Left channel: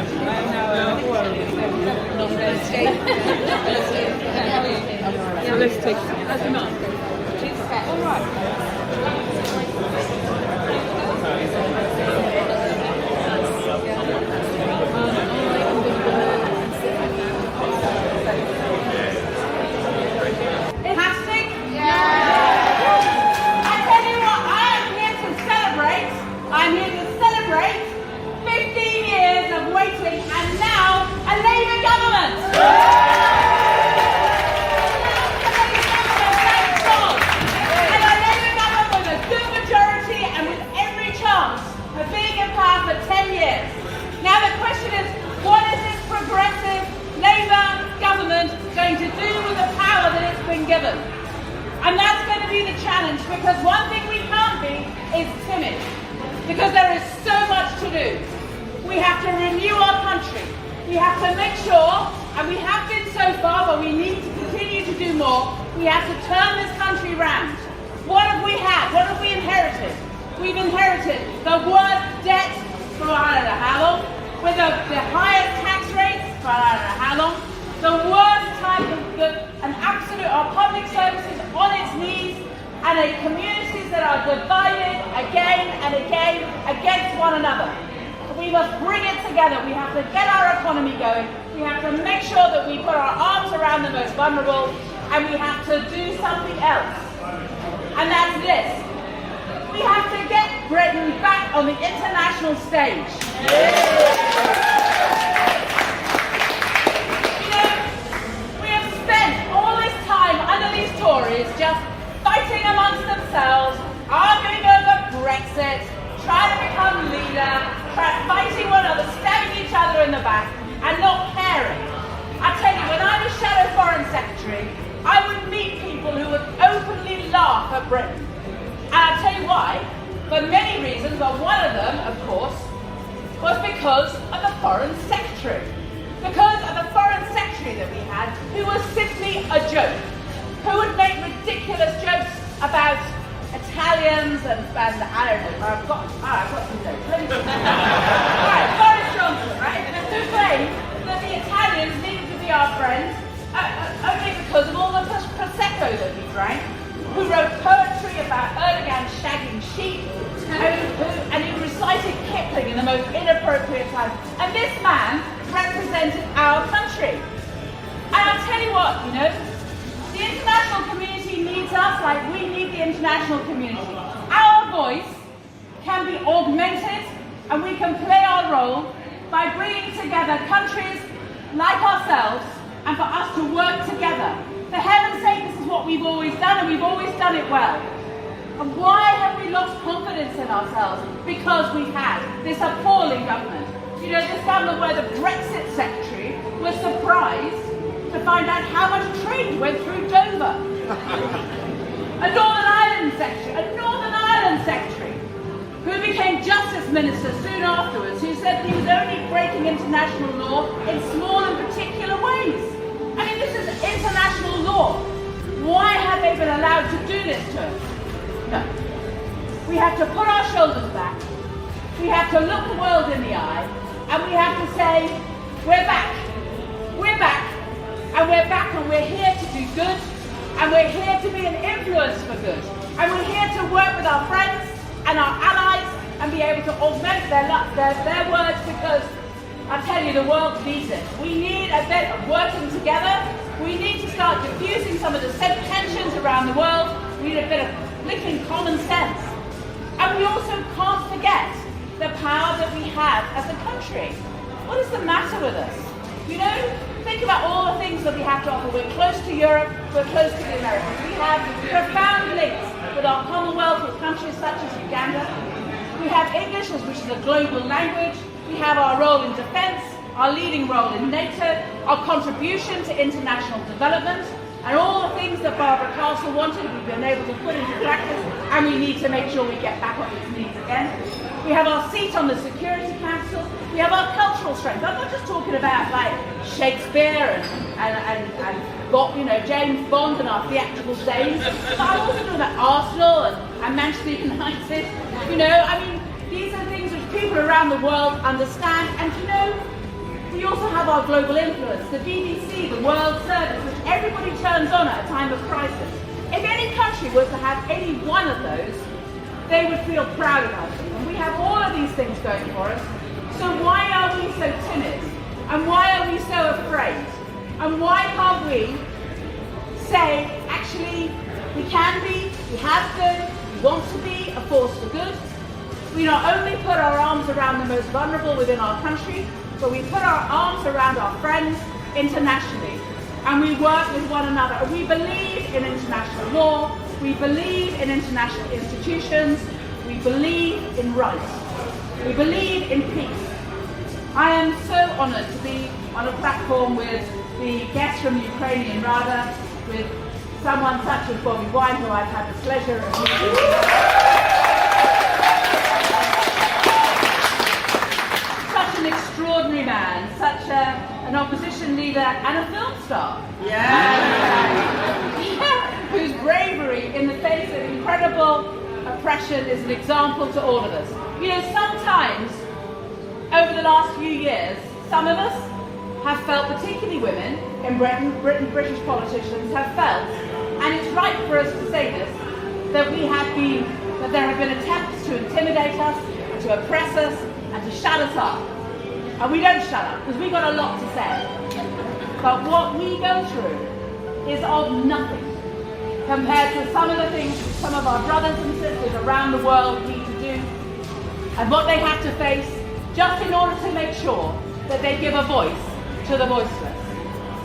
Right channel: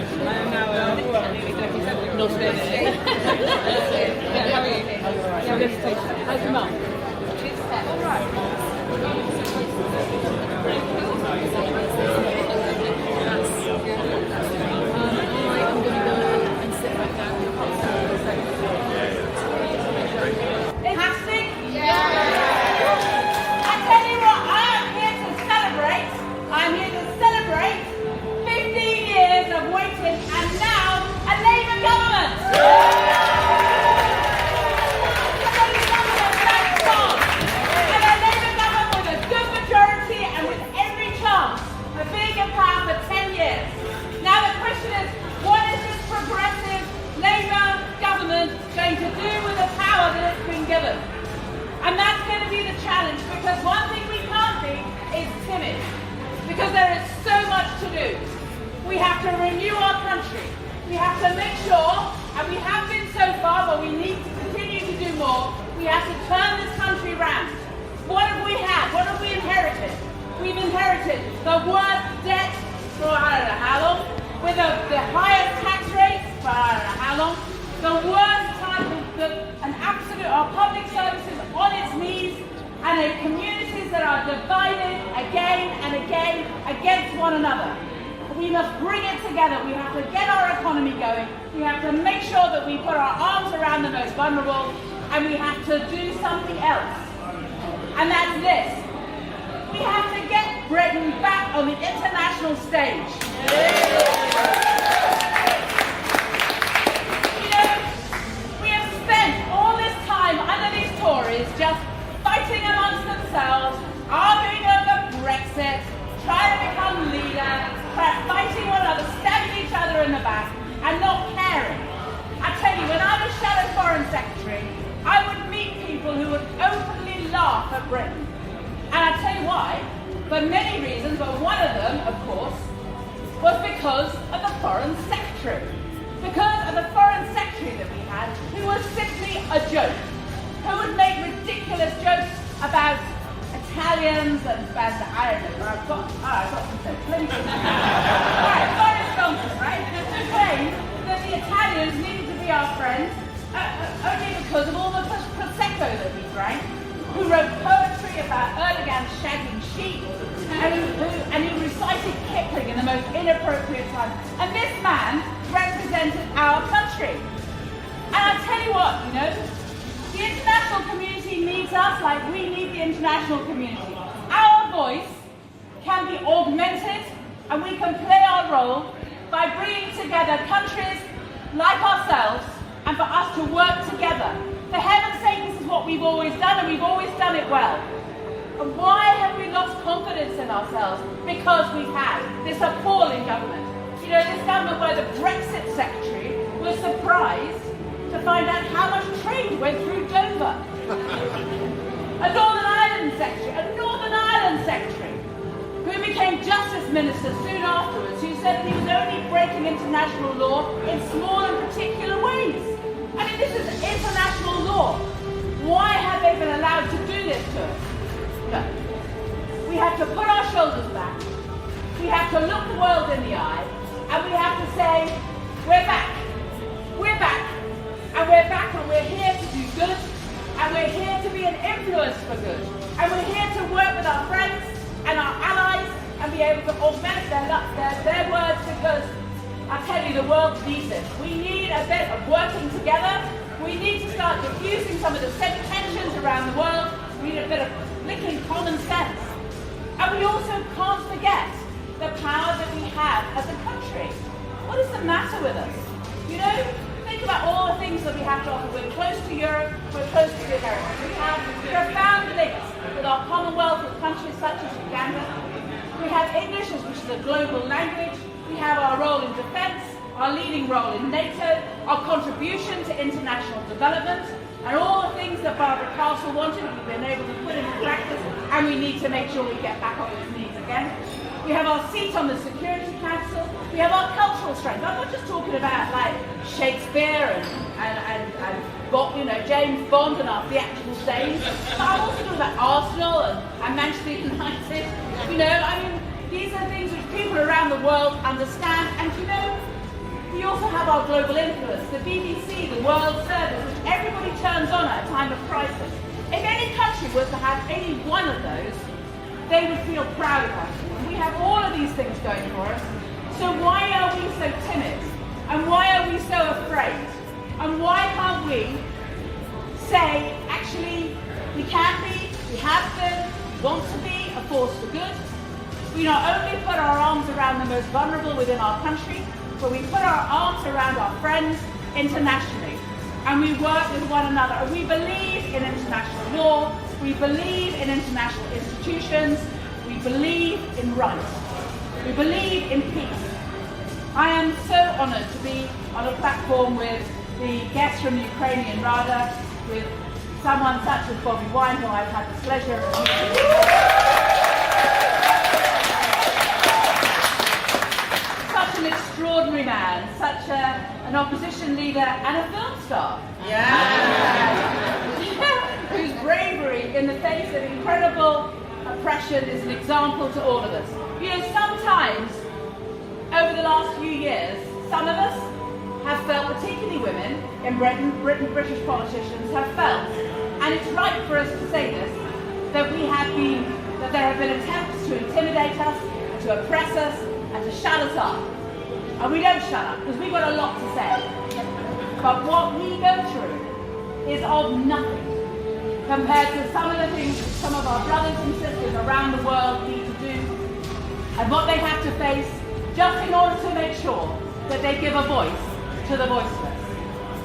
Now let's take some. How's your mom? All right. I'm here to celebrate 15 years of waiting and now a Labour government. And a Labour government with a good majority and with every chance of being in power for 10 years. Now the question is, what is this progressive Labour government going to do with the power that it's been given? And that's going to be the challenge, because one thing we can't be is timid. Because there is so much to do. We have to renew our country. We have to make sure, and we have been so far, but we need to continue to do more. We have to turn this country round. What have we had? What have we inherited? We've inherited the worst debt for I don't know how long, with the highest tax rates for I don't know how long, the worst type of an absolute, our public services on its knees, and in communities that are divided again and again against one another. We must bring it together. We have to get our economy going. We have to make sure that we put our arms around the most vulnerable, and we have to do something else. And that's this. We have to get Britain back on the international stage. You know, we have spent all this time under these Tories just fighting amongst themselves, arguing over Brexit, trying to become leader, fighting one another, stabbing each other in the back, and not caring. I tell you, when I was Shadow Foreign Secretary, I would meet people who would openly laugh at Britain. And I'll tell you why, for many reasons, but one of them, of course, was because of the Foreign Secretary. Because of the Foreign Secretary that we had, who was simply a joke. Who would make ridiculous jokes about Italians and I don't know, I've got some jokes. Right, Boris Johnson, right? Who claimed that the Italians needed to be our friends only because of all the Prosecco that we drank, who wrote poetry about Erdogan shagging sheep, and who recited Kipling in the most inappropriate time. And this man represented our country. And I'll tell you what, you know, the international community needs us like we need the international community. Our voice can be augmented, and we can play our role by bringing together countries like ourselves and for us to work together. For heaven's sake, this is what we've always done, and we've always done it well. And why have we lost confidence in ourselves? Because we've had this appalling government. You know, this government where the Brexit secretary was surprised to find out how much trade went through Dover. A Northern Ireland secretary, who became Justice Minister soon afterwards, who said he was only breaking international law in small and particular ways. I mean, this is international law. Why have they been allowed to do this to us? No. We have to put our shoulders back. We have to look the world in the eye, and we have to say, we're back. We're back. And we're back, and we're here to do good, and we're here to be an influence for good, and we're here to work with our friends and our allies and be able to augment their words, because I tell you, the world needs it. We need a bit of working together. We need to start diffusing some of the same tensions around the world. We need a bit of flicking common sense. And we also can't forget the power that we have as a country. What is the matter with us? You know, think about all the things that we have to offer. We're close to Europe, we're close to the Americas. We have profound links with our Commonwealth, with countries such as Uganda. We have English, which is a global language. We have our role in defence, our leading role in NATO, our contribution to international development, and all the things that Barbara Castle wanted, we've been able to put into practice, and we need to make sure we get back on these knees again. We have our seat on the Security Council. We have our cultural strength. I'm not just talking about like Shakespeare and James Bond and our theatrical days. I'm also talking about Arsenal and Manchester United. You know, I mean, these are things which people around the world understand. And you know, We also have our global influence, the BBC, the World Service, which everybody turns on at a time of crisis. If any country was to have any one of those, they would feel proud of us. And we have all of these things going for us. So why are we so timid? And why are we so afraid? And why can't we say, actually, we can be, we have been, we want to be a force for good? We not only put our arms around the most vulnerable within our country, but we put our arms around our friends internationally. And we work with one another. And we believe in international law. We believe in international institutions. We believe in rights. We believe in peace. I am so honoured to be on a platform with the guests from Ukrainian Rada, with someone such as Bobiwine, who I've had the pleasure of meeting. Such an extraordinary man, such an opposition leader and a film star. Whose bravery in the face of incredible oppression is an example to all of us. You know, sometimes over the last few years, some of us have felt, particularly women in Britain, British politicians have felt, and it's right for us to say this, that there have been attempts to intimidate us, and to oppress us, and to shut us up. And we don't shut up, because we've got a lot to say. But what we go through is of nothing compared to some of the things that some of our brothers and sisters around the world need to do, and what they have to face just in order to make sure that they give a voice to the voiceless.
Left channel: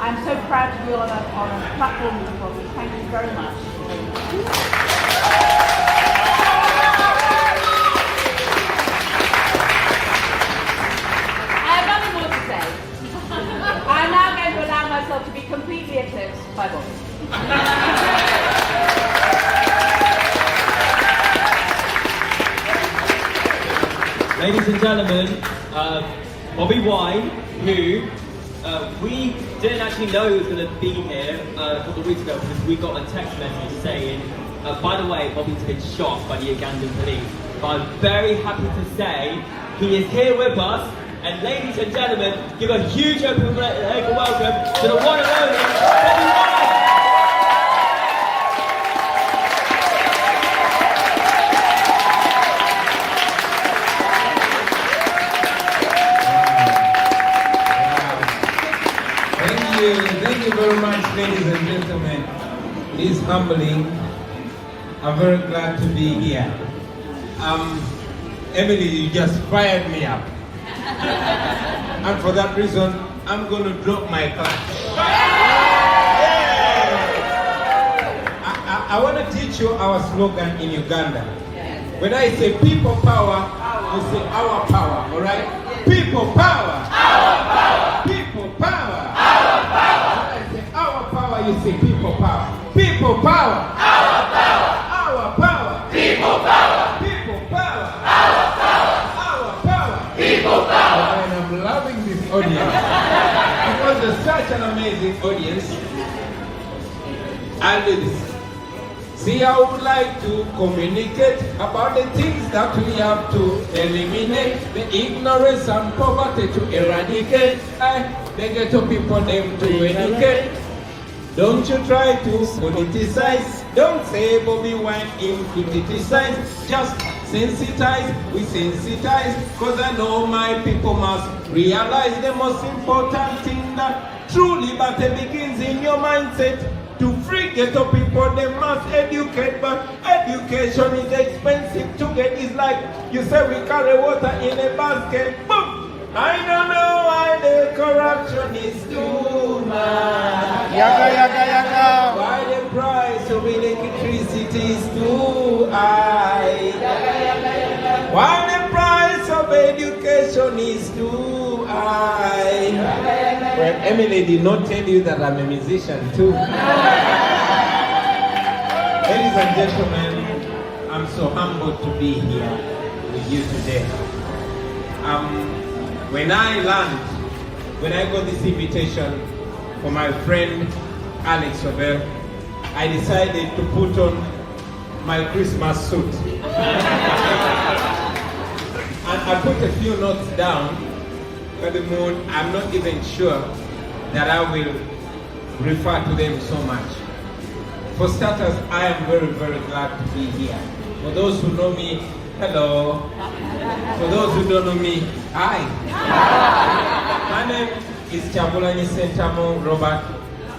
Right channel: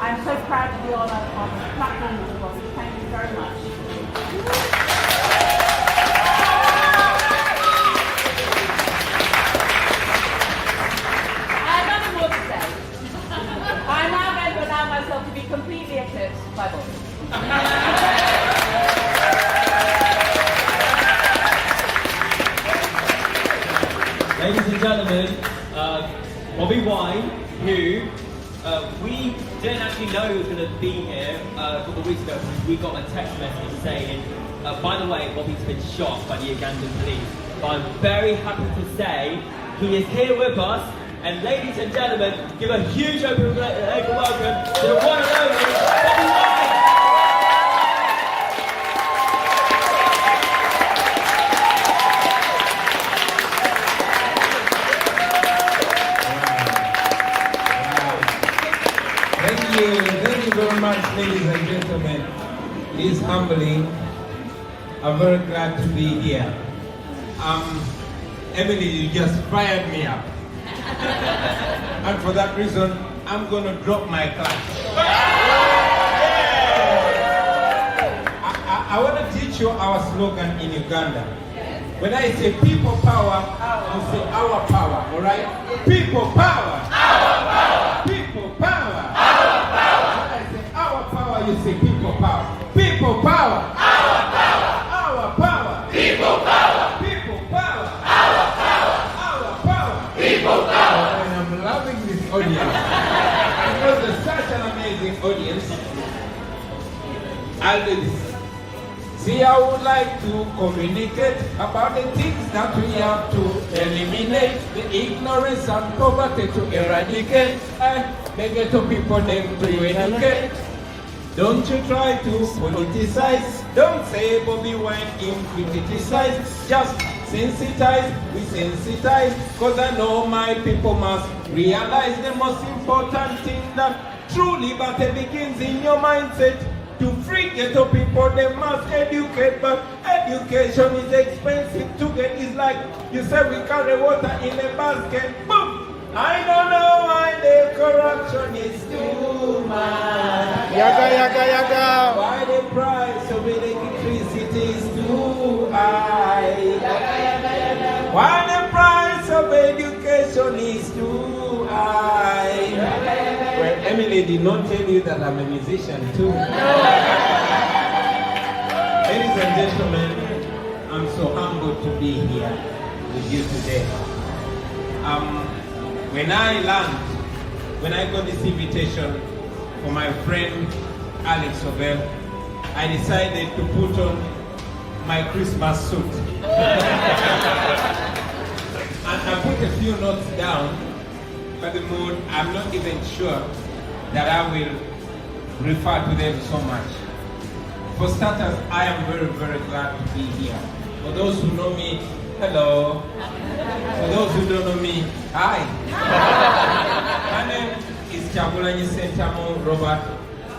I'm so proud to be on a platform with you all. Thank you very much. I have nothing more to say. I'm now going to allow myself to be completely eclipsed by Bobby. Ladies and gentlemen, Bobiwine, who we didn't actually know he was going to be here a couple of weeks ago because we got a text message saying, by the way, Bobby's been shot by the Ugandan police. But I'm very happy to say he is here with us. And ladies and gentlemen, give a huge open welcome to the one and only Bobiwine! Thank you very much, ladies and gentlemen. It is humbling. I'm very glad to be here. Emily, you just fired me up. And for that reason, I'm going to drop my class. I want to teach you our slogan in Uganda. When I say people power, you say our power, all right? People power. Our power. People power. Our power. When I say our power, you say people power. People power. Our power. Our power. People power. People power. Our power. Our power. People power. And I'm loving this audience because it's such an amazing audience. And see, I would like to communicate about the things that we have to eliminate, the ignorance and poverty to eradicate. The ghetto people them to educate. Don't you try to politicize. Don't say Bobiwine in criticize. Just sensitize, we sensitize. Cause I know my people must realize the most important thing, that true liberty begins in your mindset. To free ghetto people, they must educate, but education is expensive to get. It's like you say we carry water in a basket. Boom! I don't know why the corruption is too much. Yaga, yaga, yaga. Why the price of electricity is too high. Yaga, yaga, yaga. Why the price of education is too high. Yaga, yaga, yaga. Well, Emily did not tell you that I'm a musician too. Ladies and gentlemen, I'm so humbled to be here with you today. When I got this invitation for my friend Alex Sobel, I decided to put on my Christmas suit. And I put a few notes down Furthermore, I'm not even sure that I will refer to them so much. For starters, I am very, very glad to be here. For those who know me, hello. For those who don't know me, hi. My name is Chabulanyi Sentamo Robert,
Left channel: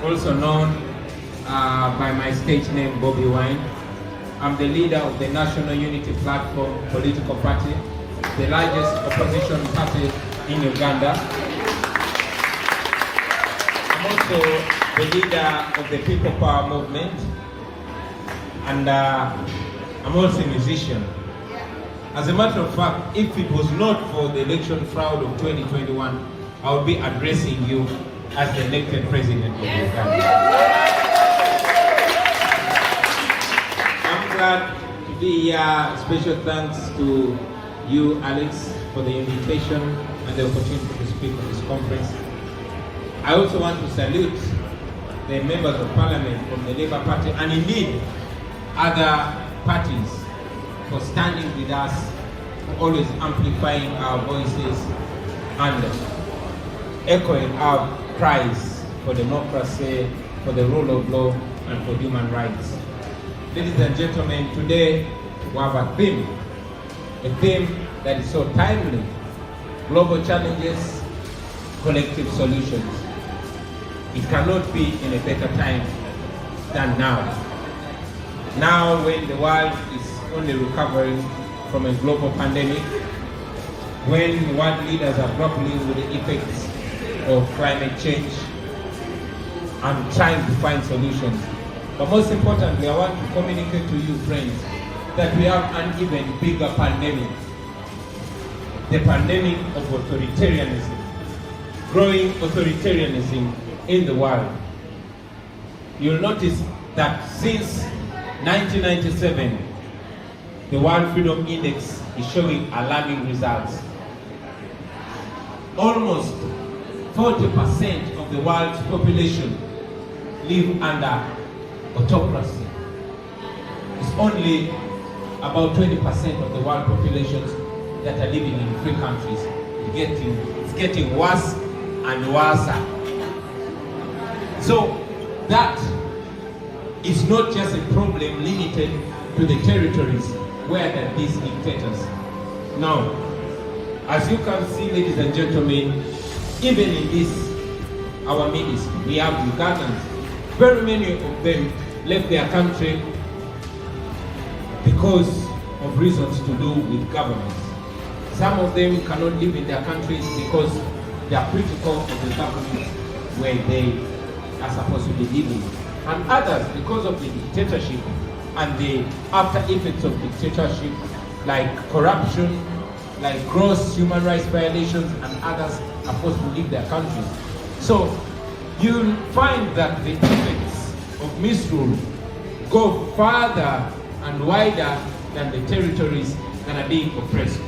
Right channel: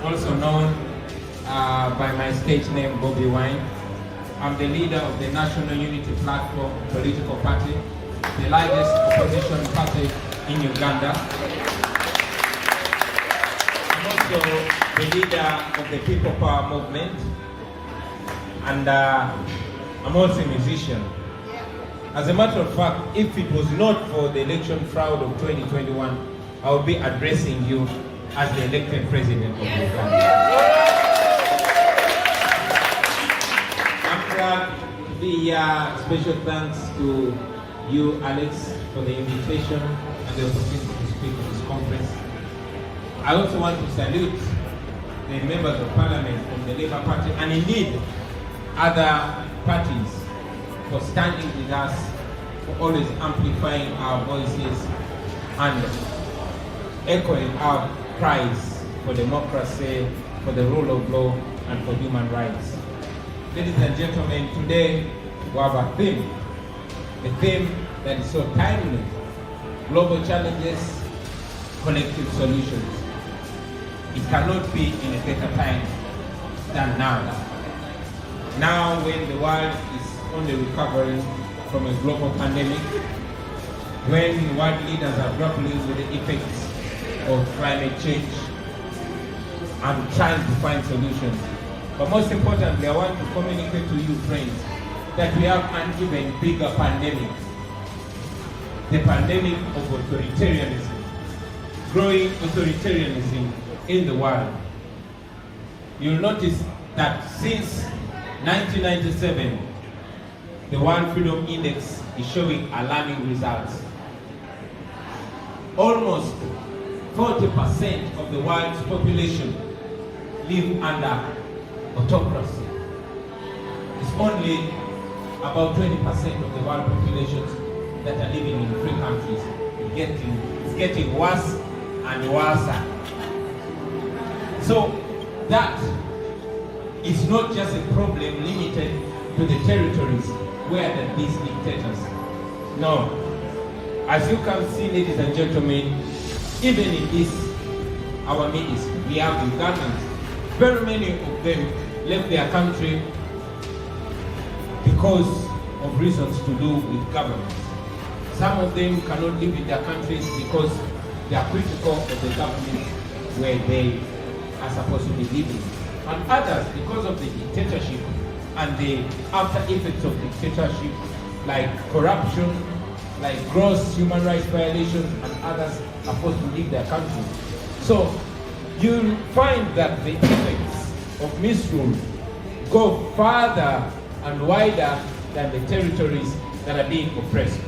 also known by my stage name Bobiwine. I'm the leader of the National Unity Platform political party, the largest opposition party in Uganda. I'm also the leader of the People Power Movement, and I'm also a musician. As a matter of fact, if it was not for the election fraud of 2021, I would be addressing you as the elected president of Uganda. I'm glad to be here. Special thanks to you, Alex, for the invitation and the opportunity to speak at this conference. I also want to salute the members of parliament from the Labour Party and indeed other parties for standing with us, for always amplifying our voices and echoing our cries for democracy, for the rule of law, and for human rights. Ladies and gentlemen, today we have a theme that is so timely: global challenges, collective solutions. It cannot be in a better time than now. Now, when the world is only recovering from a global pandemic, when world leaders are grappling with the effects of climate change and trying to find solutions. But most importantly, I want to communicate to you, friends, that we have an even bigger pandemic. The pandemic of authoritarianism, growing authoritarianism in the world. You'll notice that since 1997, the World Freedom Index is showing alarming results. Almost 40% of the world's population live under autocracy. It's only about 20% of the world populations that are living in free countries. It's getting worse and worse. So that is not just a problem limited to the territories where there are these dictators. No. As you can see, ladies and gentlemen, even in this, our midst, we have Ugandans. Very many of them left their country because of reasons to do with governance. Some of them cannot live in their countries because they are critical of the government where they are supposed to be living. And others, because of the dictatorship and the after effects of dictatorship, like corruption, like gross human rights violations, and others are forced to leave their country. So you'll find that the effects of misrule go farther and wider than the territories that are being oppressed.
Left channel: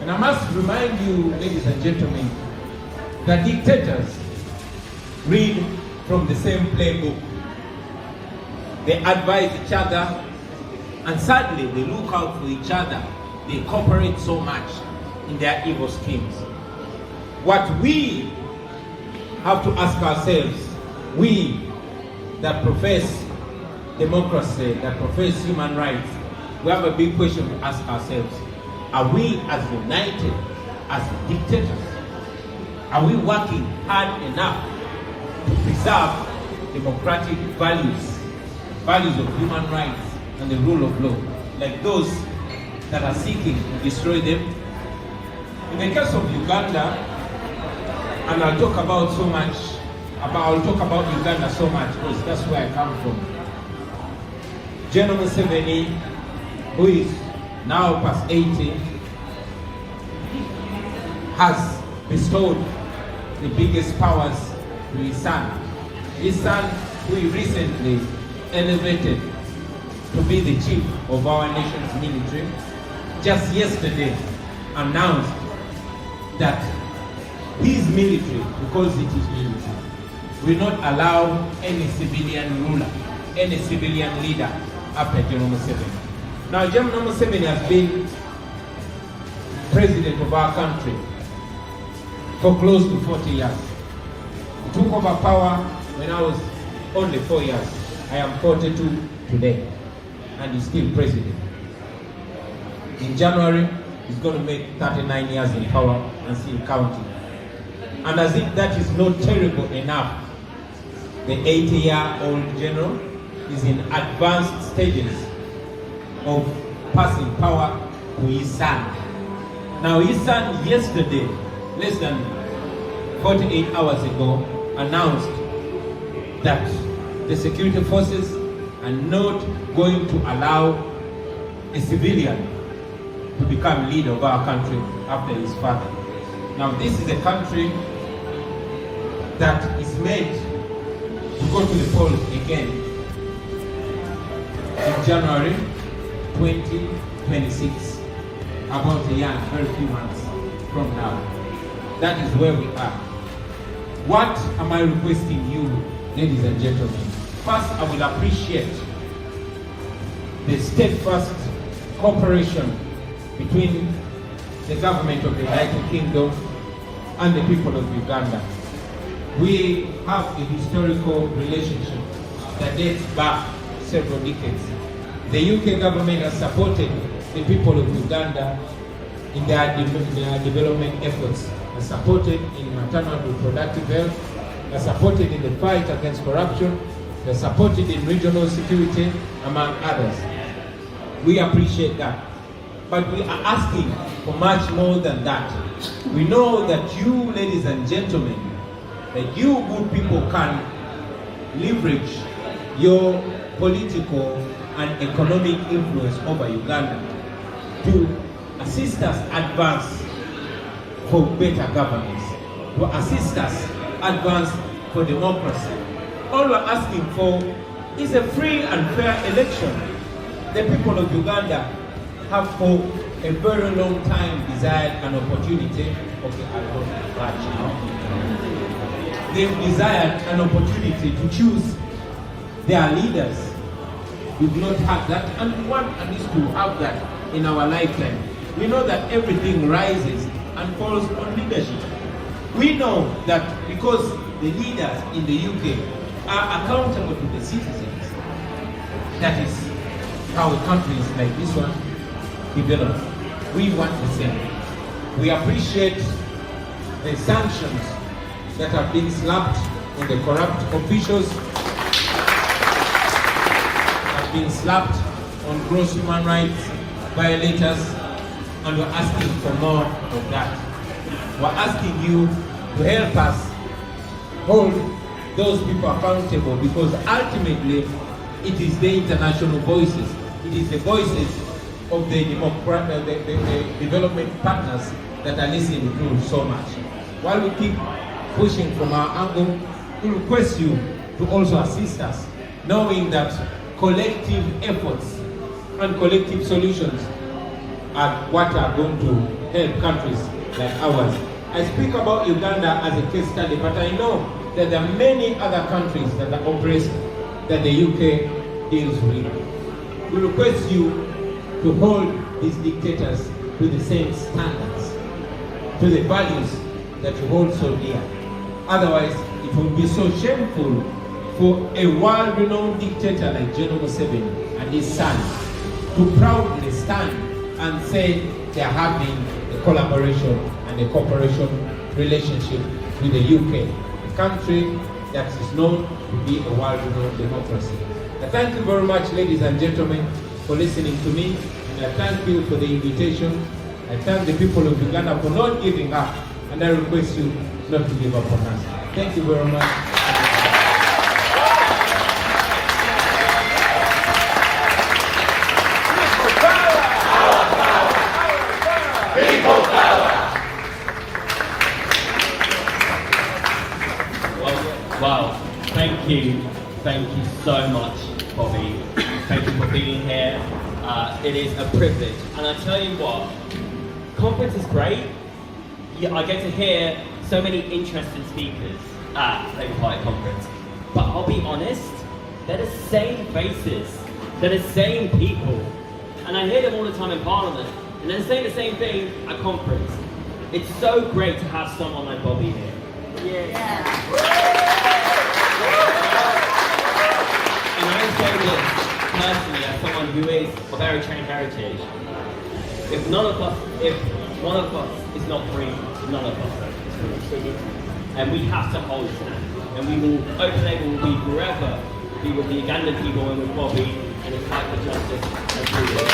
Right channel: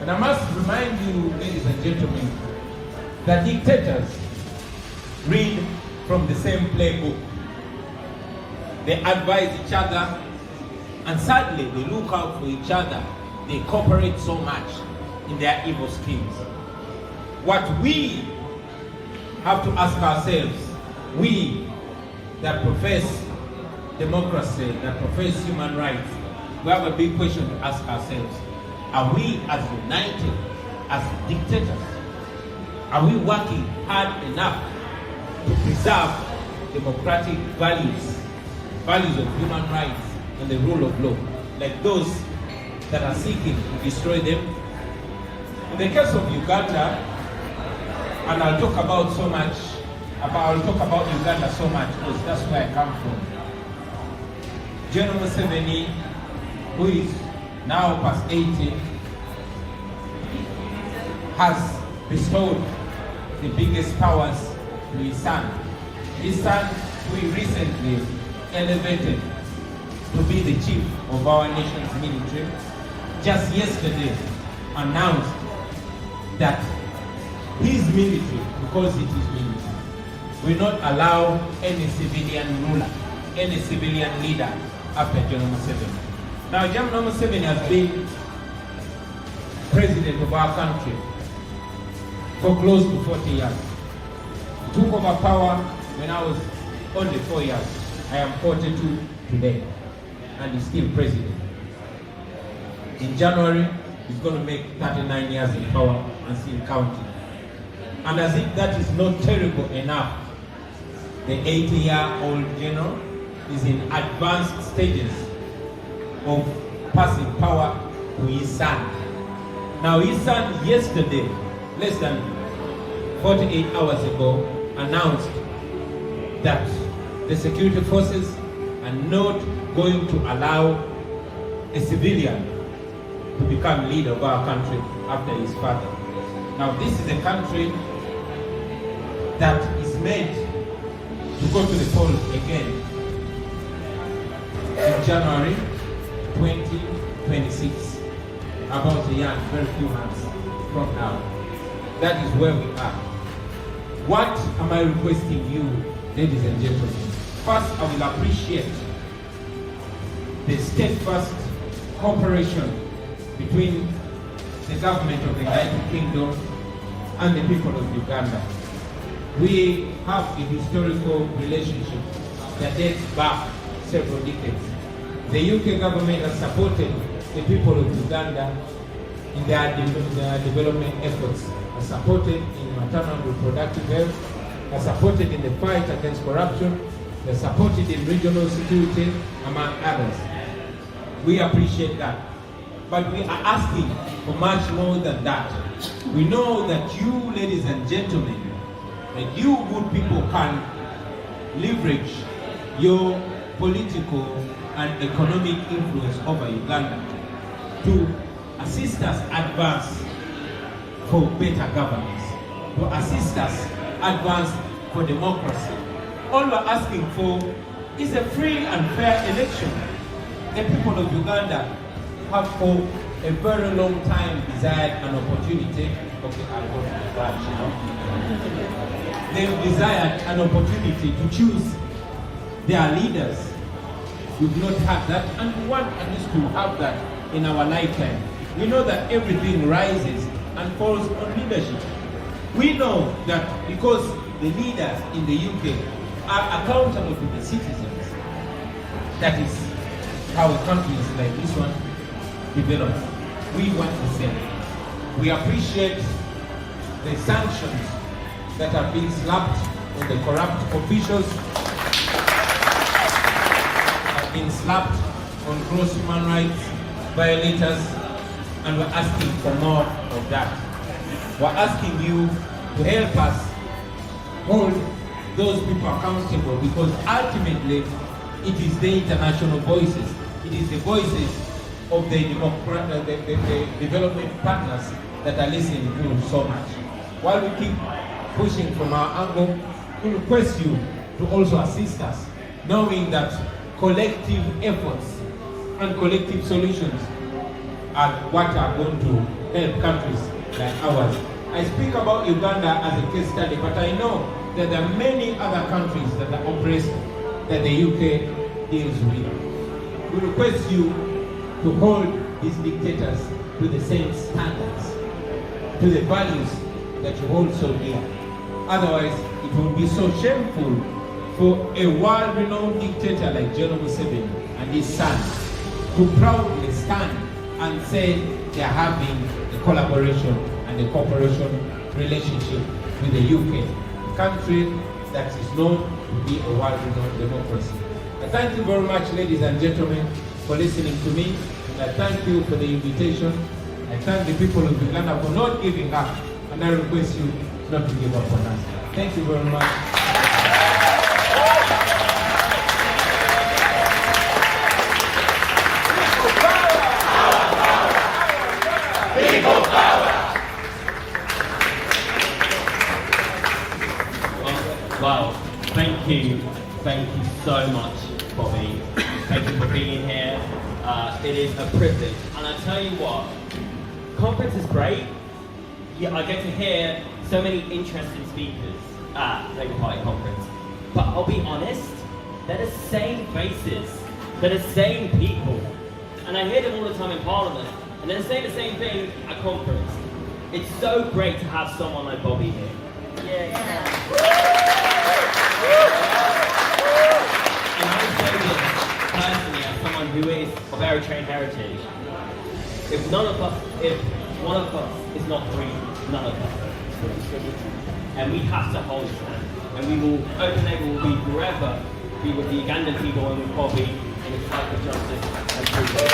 And I must remind you, ladies and gentlemen, that dictators read from the same playbook. They advise each other, and sadly, they look out for each other. They cooperate so much in their evil schemes. What we have to ask ourselves, we that profess democracy, that profess human rights, we have a big question to ask ourselves. Are we as united as dictators? Are we working hard enough to preserve democratic values of human rights and the rule of law, like those that are seeking to destroy them? In the case of Uganda, and I'll talk about Uganda so much because that's where I come from. General Museveni, who is now past 80, has bestowed the biggest powers to his son. His son, who he recently elevated to be the chief of our nation's military, just yesterday announced that his military, because it is military, will not allow any civilian ruler, any civilian leader after General Museveni. Now, General Museveni has been president of our country for close to 40 years. He took over power when I was only 4 years. I am 42 today, and he's still president. In January, he's going to make 39 years in power and still counting. And as if that is not terrible enough, the 80-year-old general is in advanced stages of passing power to his son. Now his son yesterday, less than 48 hours ago, announced that the security forces are not going to allow a civilian to become leader of our country after his father. Now this is a country that is made to go to the polls again in January 2026, about a year, very few months from now. That is where we are. What am I requesting you, ladies and gentlemen? First, I will appreciate the steadfast cooperation between the government of the United Kingdom and the people of Uganda. We have a historical relationship that dates back several decades. The UK government has supported the people of Uganda in their development efforts, has supported in maternal and reproductive health, has supported in the fight against corruption, has supported in regional security, among others. We appreciate that. But we are asking for much more than that. We know that you, ladies and gentlemen, that you good people can leverage your political and economic influence over Uganda to assist us advance for better governance, to assist us advance for democracy. All we're asking for is a free and fair election. The people of Uganda have for a very long time desired an opportunity of the They've desired an opportunity to choose their leaders. We've not had that, and we want at least to have that in our lifetime. We know that everything rises and falls on leadership. We know that because the leaders in the UK are accountable to the citizens, that is how countries like this one develop. We want the same. We appreciate the sanctions that are being slapped on the corrupt officials, have been slapped on gross human rights violators, and we're asking for more of that. We're asking you to help us hold those people accountable, because ultimately it is the international voices, it is the voices of the development partners that are listening to so much. While we keep pushing from our angle, we request you to also assist us, knowing that collective efforts and collective solutions are what are going to help countries like ours. I speak about Uganda as a case study, but I know that there are many other countries that are oppressed that the UK deals with. We request you to hold these dictators to the same standards, to the values that you hold so dear. Otherwise, it will be so shameful for a world-renowned dictator like General Museveni and his son to proudly stand and say they are having a collaboration and a cooperation relationship with the UK, a country that is known to be a world-renowned democracy. I thank you very much, ladies and gentlemen, for listening to me. And I thank you for the invitation. I thank the people of Uganda for not giving up, and I request you not to give up on us. Thank you very much. Wow, thank you so much, Bobby. Thank you for being here. It is a privilege, and I tell you what, conference is great. Yeah, I get to hear so many interesting speakers at Labour Party conference. But I'll be honest, they're the same faces, they're the same people, and I hear them all the time in Parliament, and they're saying the same thing at conference. it's so great to have someone like Bobby here. And I say this personally as someone who is of Eritrean heritage. If one of us is not free, none of us is free. And we have to hold his hand. And we will, Open Label will be forever be with the Ugandan people and with Bobby in his fight for justice and freedom.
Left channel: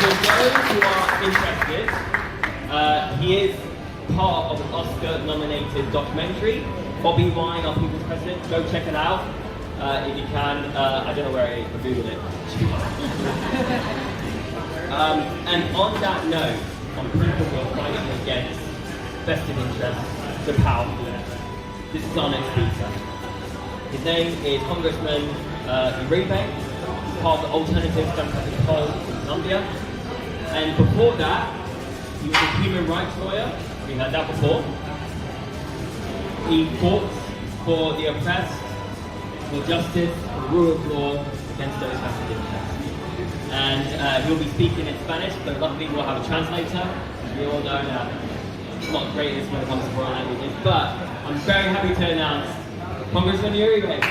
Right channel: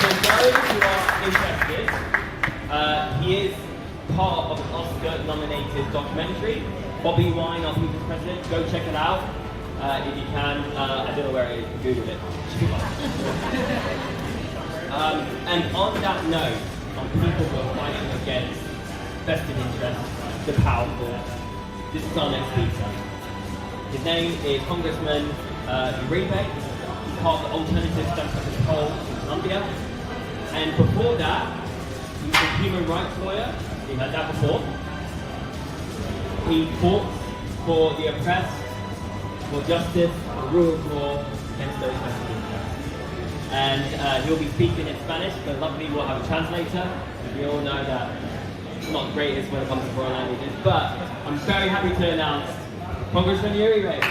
For those who are interested, he is part of an Oscar-nominated documentary, Bobiwine, Our People's President. Go check it out if you can. I don't know where you can Google it. And on that note, on people who are fighting against vested interests, the powerful, this is our next speaker. His name is Congressman Uribe. He's part of the Alternative Democratic Poll in Colombia. And before that, he was a human rights lawyer. We heard that before. He fought for the oppressed, for justice, for the rule of law against those vested interests. And he'll be speaking in Spanish, but luckily we'll have a translator. We all know that it's not great when it comes to foreign languages, but I'm very happy to announce Congressman Uribe.